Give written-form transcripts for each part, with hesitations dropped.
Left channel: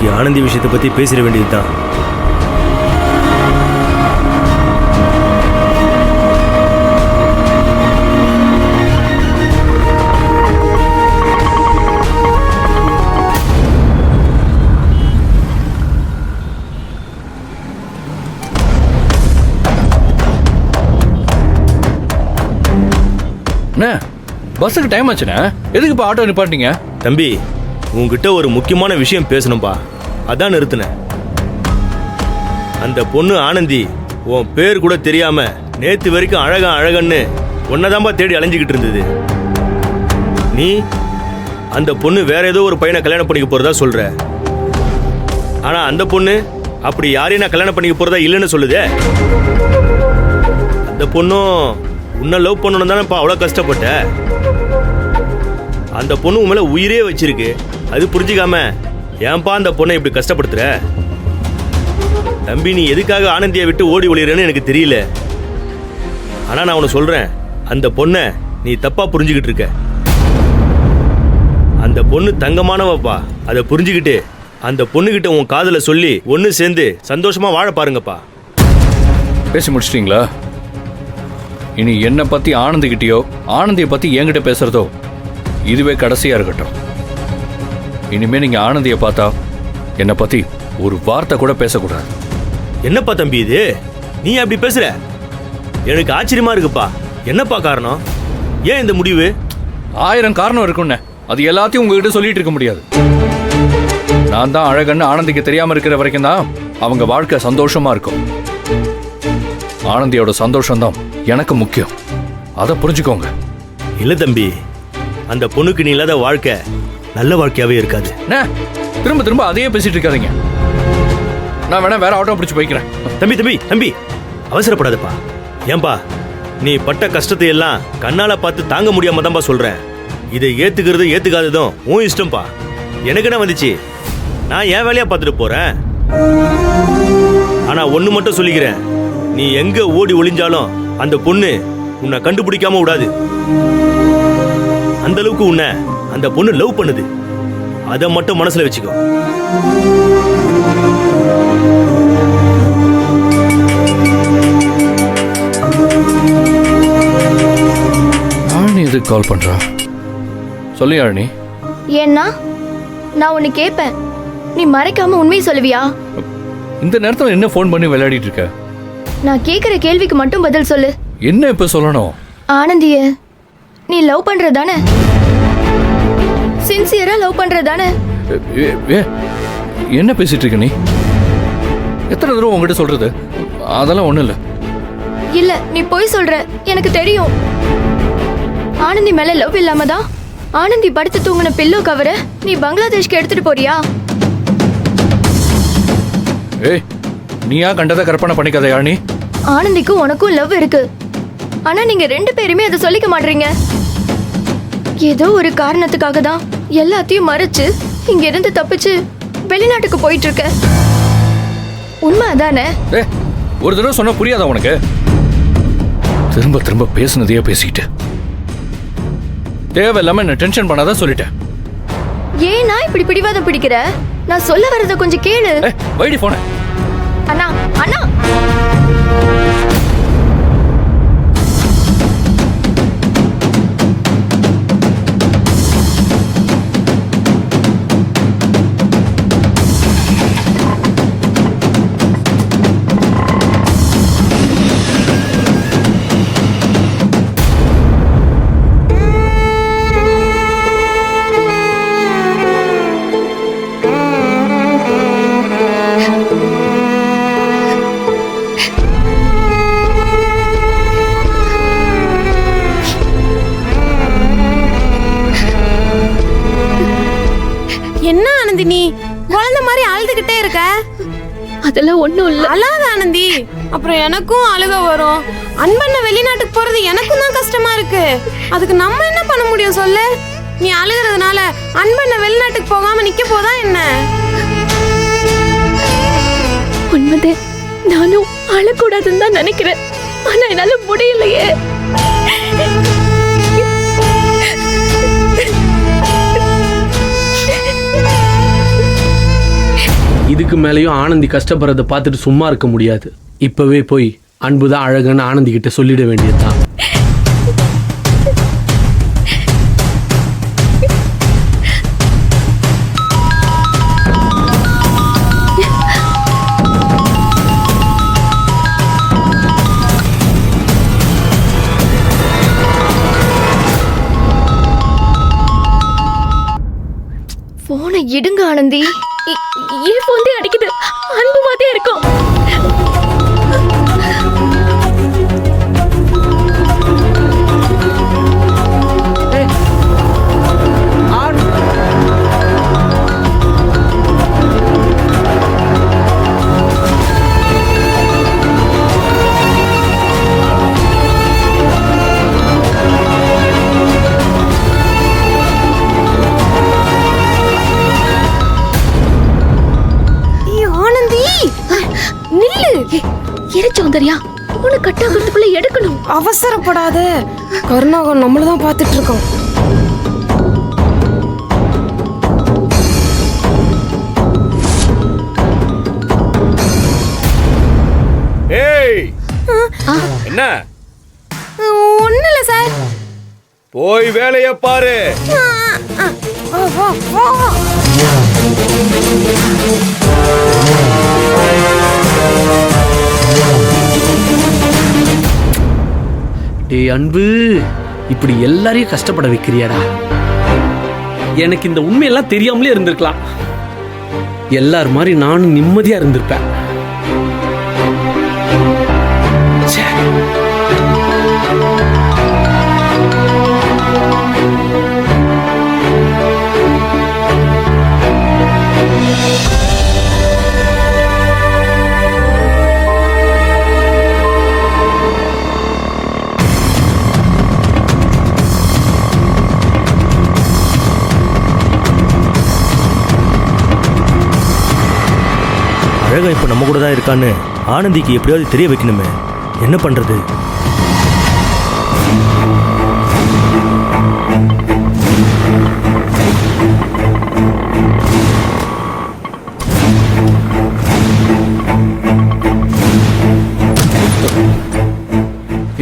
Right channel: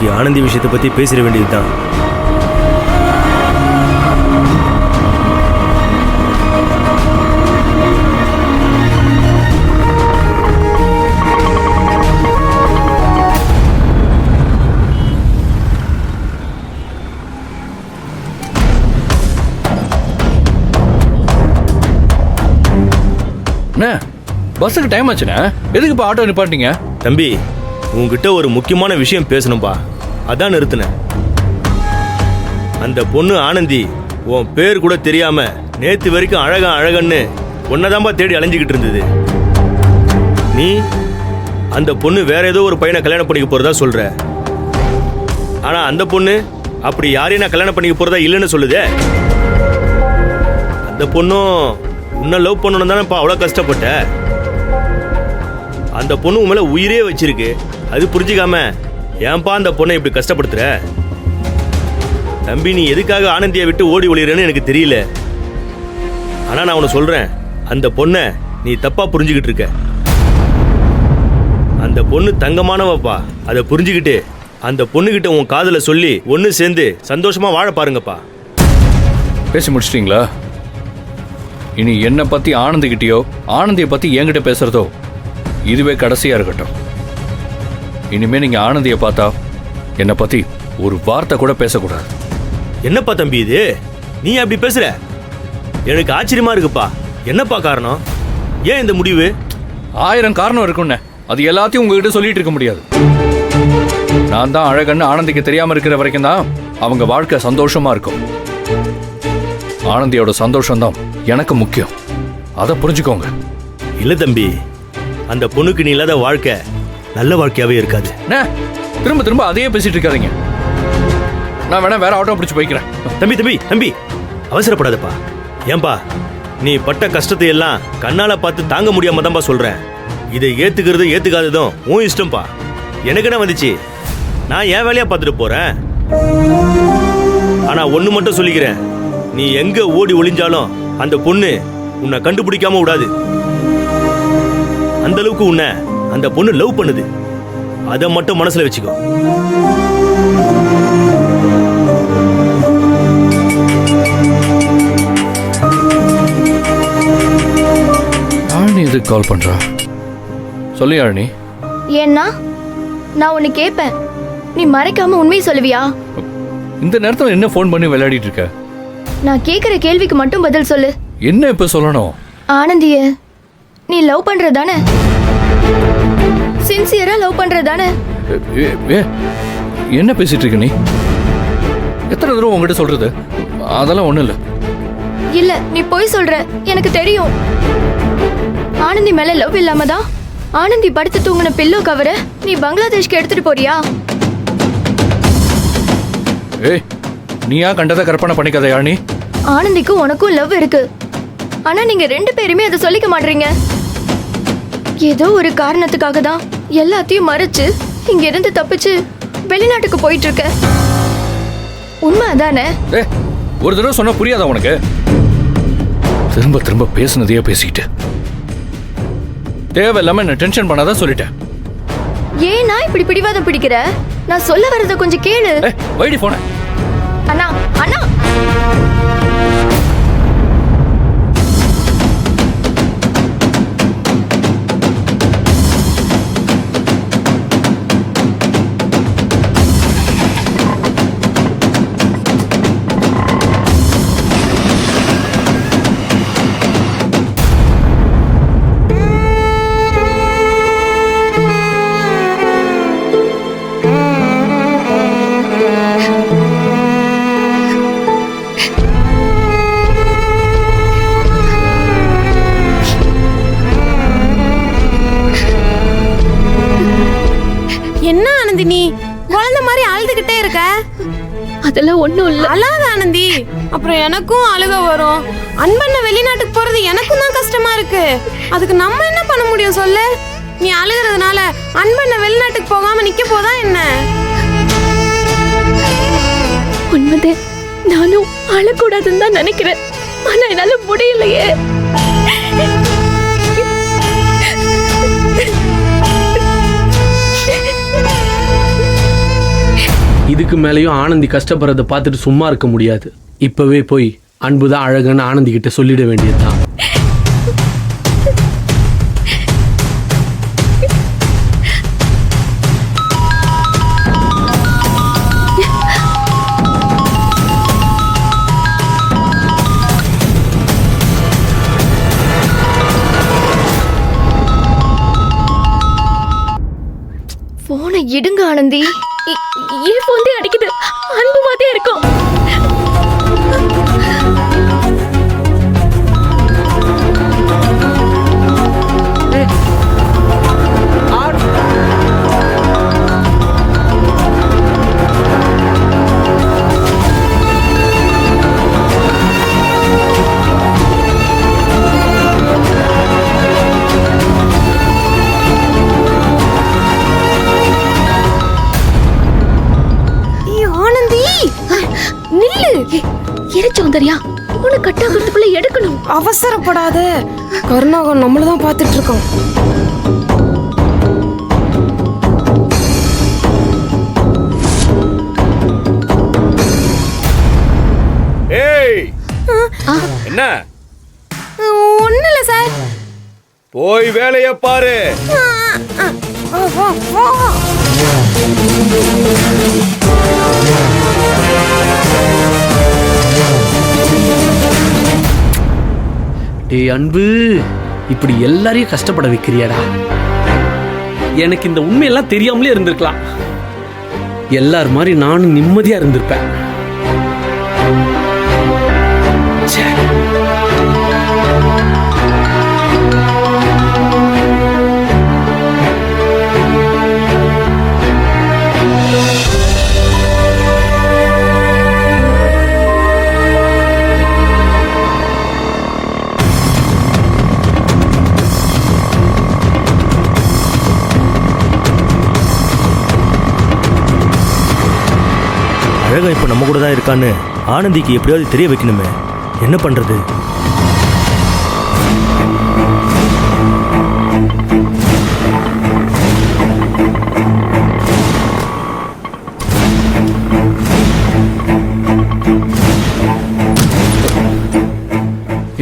இன்னைக்கு ஆனந்தி விஷயத்தை பத்தி பேசிட வேண்டியதுதான். அண்ணா பஸ்ஸுக்கு டைம் ஆச்சுண்ணே, எதுக்கு இப்போ ஆட்டோ நிப்பாட்டிங்க? தம்பி, உங்ககிட்ட ஒரு முக்கியமான விஷயம் பேசணும்பா, அதான் நிறுத்தினேன். அந்த பொண்ணு ஆனந்தி உன் பேர் கூட தெரியாம நேத்து வரைக்கும் அழகன்னு ஒன்னதாம்பா தேடி அலைஞ்சிக்கிட்டு இருந்தது. நீ அந்த பொண்ணு வேற ஏதோ ஒரு பையனை கல்யாணம் பண்ணிக்க போறதா சொல்ற. ஆனா அந்த பொண்ணு அப்படி யாரையும் நான் கல்யாணம் பண்ணிக்க போறதா இல்லைன்னு சொல்லுதே. அந்த பொண்ணும் உன்னை லவ் பண்ணணும் தானேப்பா அவ்வளோ கஷ்டப்பட்ட. அந்த பொண்ணு உன் மேல உயிரே வச்சிருக்கு, அது புரிஞ்சுக்காம ஏன்பா அந்த பொண்ணை இப்படி கஷ்டப்படுத்துற? தம்பி, நீ எதுக்காக ஆனந்தியை விட்டு ஓடி ஒளிறன்னு எனக்கு தெரியல. ஆனா நான் உன்னை சொல்றேன், அந்த பொண்ணை நீ தப்பா புரிஞ்சுக்கிட்டு இருக்க. அந்த பொண்ணு தங்கமானவப்பா, அதை புரிஞ்சுக்கிட்டு அந்த பொண்ணுகிட்ட உன் காதல சொல்லி ஒன்னு சேர்ந்து சந்தோஷமா வாழ பாருங்கப்பா. பேசி முடிச்சிட்டீங்களா? இனி என்னை பத்தி ஆனந்திக்கிட்டயோ ஆனந்தியை பத்தி என்கிட்ட பேசுறதோ இதுவே கடைசியா இருக்கட்டும். இனிமே நீங்க ஆனந்தியை பார்த்தா என்னை பத்தி ஒரு வார்த்தை கூட பேசக்கூடாது. என்னப்பா தம்பி இது, நீ அப்படி பேசுற? எனக்கு ஆச்சரியமா இருக்குப்பா. என்னப்பா காரணம்? ஏன் இந்த முடிவு? 1000 காரணம் இருக்குன்னு, அது எல்லாத்தையும் உங்ககிட்ட சொல்லிட்டு இருக்க முடியாது. நான் தான் அழகன்னு ஆனந்திக்கு தெரியாம இருக்கிற வரைக்கும் தான் அவங்க வாழ்க்கை சந்தோஷமா இருக்கும். ஆனந்தியோட சந்தோஷம் தான் எனக்கு முக்கியம், அதை புரிஞ்சுக்கோங்க. இல்ல தம்பி, அந்த பொண்ணுக்கு நீ இல்லாத வாழ்க்கை நல்ல வாழ்க்கையாவே இருக்காது. திரும்ப திரும்ப அதையே பேசிட்டு இருக்காதீங்க. நான் வேணா வேற ஆட்டோ பிடிச்சு போய்க்கிறேன். தம்பி தம்பி தம்பி, அவசரப்படாதப்பா. ஏன்பா, நீ பட்ட கஷ்டத்தை எல்லாம் கண்ணால பார்த்து தாங்க முடியாம தான்பா சொல்றேன். இதை ஏத்துக்கிறது ஏத்துக்காததும் உன் இஷ்டம்பா. எனக்கு என்ன வந்துச்சு, நான் என் வேலையா பார்த்துட்டு போறேன். ஆனா ஒண்ணு மட்டும் சொல்லிக்கிறேன், நீ எங்க ஓடி ஒளிஞ்சாலும் அந்த பொண்ணு உன்னை கண்டுபிடிக்காம விடாது. அந்த அளவுக்கு உன்னை அந்த பொண்ணு லவ் பண்ணுது, அதை மட்டும் மனசுல வச்சுக்கோ. யாழினி எதுக்கு கால் பண்றா? சொல்லு யாழினி. ஏன்னா நான் உன்னை கேட்பேன், நீ மறைக்காம உண்மையை சொல்லுவியா? இந்த நேரத்தில் என்ன ஃபோன் பண்ணி விளையாடிட்டு இருக்க? நான் கேட்குற கேள்விக்கு மட்டும் பதில் சொல்லு. என்ன இப்ப சொல்லணும்? ஆனந்திய நீ லவ் பண்றதானே? சின்சியரா லவ் பண்றதானே? என்ன பேசிட்டு இருக்க நீ? எத்தனை தடவை உங்ககிட்ட சொல்றது? அதெல்லாம் ஒண்ணும் இல்ல. இல்ல, நீ போய் சொல்ற, எனக்கு தெரியும். ஆனந்தி மேல லவ் இல்லாம தான் ஆனந்தி படுத்து தூங்கின பில்லோ கவரை நீ பங்களாதேஷ்க்கு எடுத்துட்டு போறியா? ஏய், நீயா கண்டதை கற்பனை பண்ணிக்காத யாழினி. ஆனந்திக்கும் உனக்கும் லவ் இருக்கு, ஆனா நீங்க 2 பேருமே அதை சொல்லிக்க மாட்டீங்க. ஏதோ ஒரு காரணத்துக்காக தான் எல்லாத்தையும் மறைச்சு இங்க இருந்து தப்பிச்சு வெளிநாட்டுக்கு போயிட்டு இருக்க. உண்மை அதானே? ஒரு தடவை சொன்னா புரியாதா உனக்கு? திரும்ப திரும்ப பேசுனதையே பேசிட்டு தேவையில்லாம என்ன டென்ஷன் பண்ணாதான் சொல்லிட்டேன். ஏன் நான் இப்படி பிடிவாதம் பிடிக்கிற? நான் சொல்ல வரத கொஞ்சம் கேளு. வைடி போன. அண்ணா அண்ணா, என்ன ஆனந்தி, நீ குழந்தை மாதிரி அழுதுகிட்டே இருக்க? அதெல்லாம் ஒண்ணும் இல்ல. அழாத ஆனந்தி, அப்புறம் எனக்கும் அழுக வரும். அன்பண்ண வெளிநாட்டுக்கு போறது எனக்கும் தான் கஷ்டமா இருக்கு. அதுக்கு நம்ம என்ன பண்ண முடியும் சொல்லு? நீ அழுகிறதுனால அன்பண்ண வெளிநாட்டுக்கு போகாம நிக்க போதா என்ன? உண்மைதே, நானும் அழக்கூடாதுன்னு தான் நினைக்கிறேன், ஆனா என்னால முடியலையே. இதுக்கு மேலேயும் ஆனந்தி கஷ்டப்படுறத பார்த்துட்டு சும்மா இருக்க முடியாது. இப்பவே போய் அன்புதான் அழகுன்னு ஆனந்தி கிட்ட சொல்லிட வேண்டியதுதான். போனை இடுங்க ஆனந்தி. ஏன் போந்தே அடிக்குது? அன்பு மாதிரியே இருக்கும். சௌந்தர்யா, உன கட்டாகிறதுக்குள்ள எடுக்கணும். அவசரப்படாத, கருணாகன் நம்மளதான் பார்த்துட்டு இருக்கோம். ஏய், என்ன? ஒண்ணும் இல்ல சார். போய் வேலைய பாரு. டேய் அன்பு, இப்படி எல்லாரையும் கஷ்டப்பட வைக்கிறியாடா. எனக்கு இந்த உண்மையெல்லாம் தெரியாமலே இருந்திருக்கலாம். எல்லார் மாதிரி நானும் நிம்மதியா இருந்திருப்பேன். அழகா இப்ப நம்ம கூட தான் இருக்கான்னு ஆனந்திக்கு எப்படியாவது தெரிய வைக்கணுமே. என்ன பண்றது?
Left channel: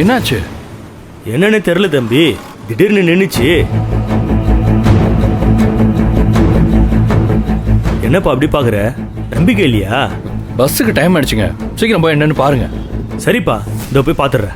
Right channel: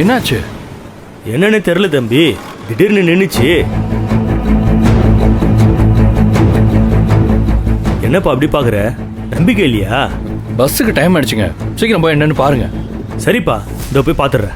என்னாச்சு? என்னன்னு தெரியல தம்பி, திடீர்னு நின்னுச்சு. என்னப்பா அப்படி பாக்குற? நம்பிக்கை இல்லையா? பஸ்ஸுக்கு டைம் ஆயிடுச்சுங்க, சீக்கிரம் போய் என்னன்னு பாருங்க. சரிப்பா, இதோ போய் பாத்துடுறேன்.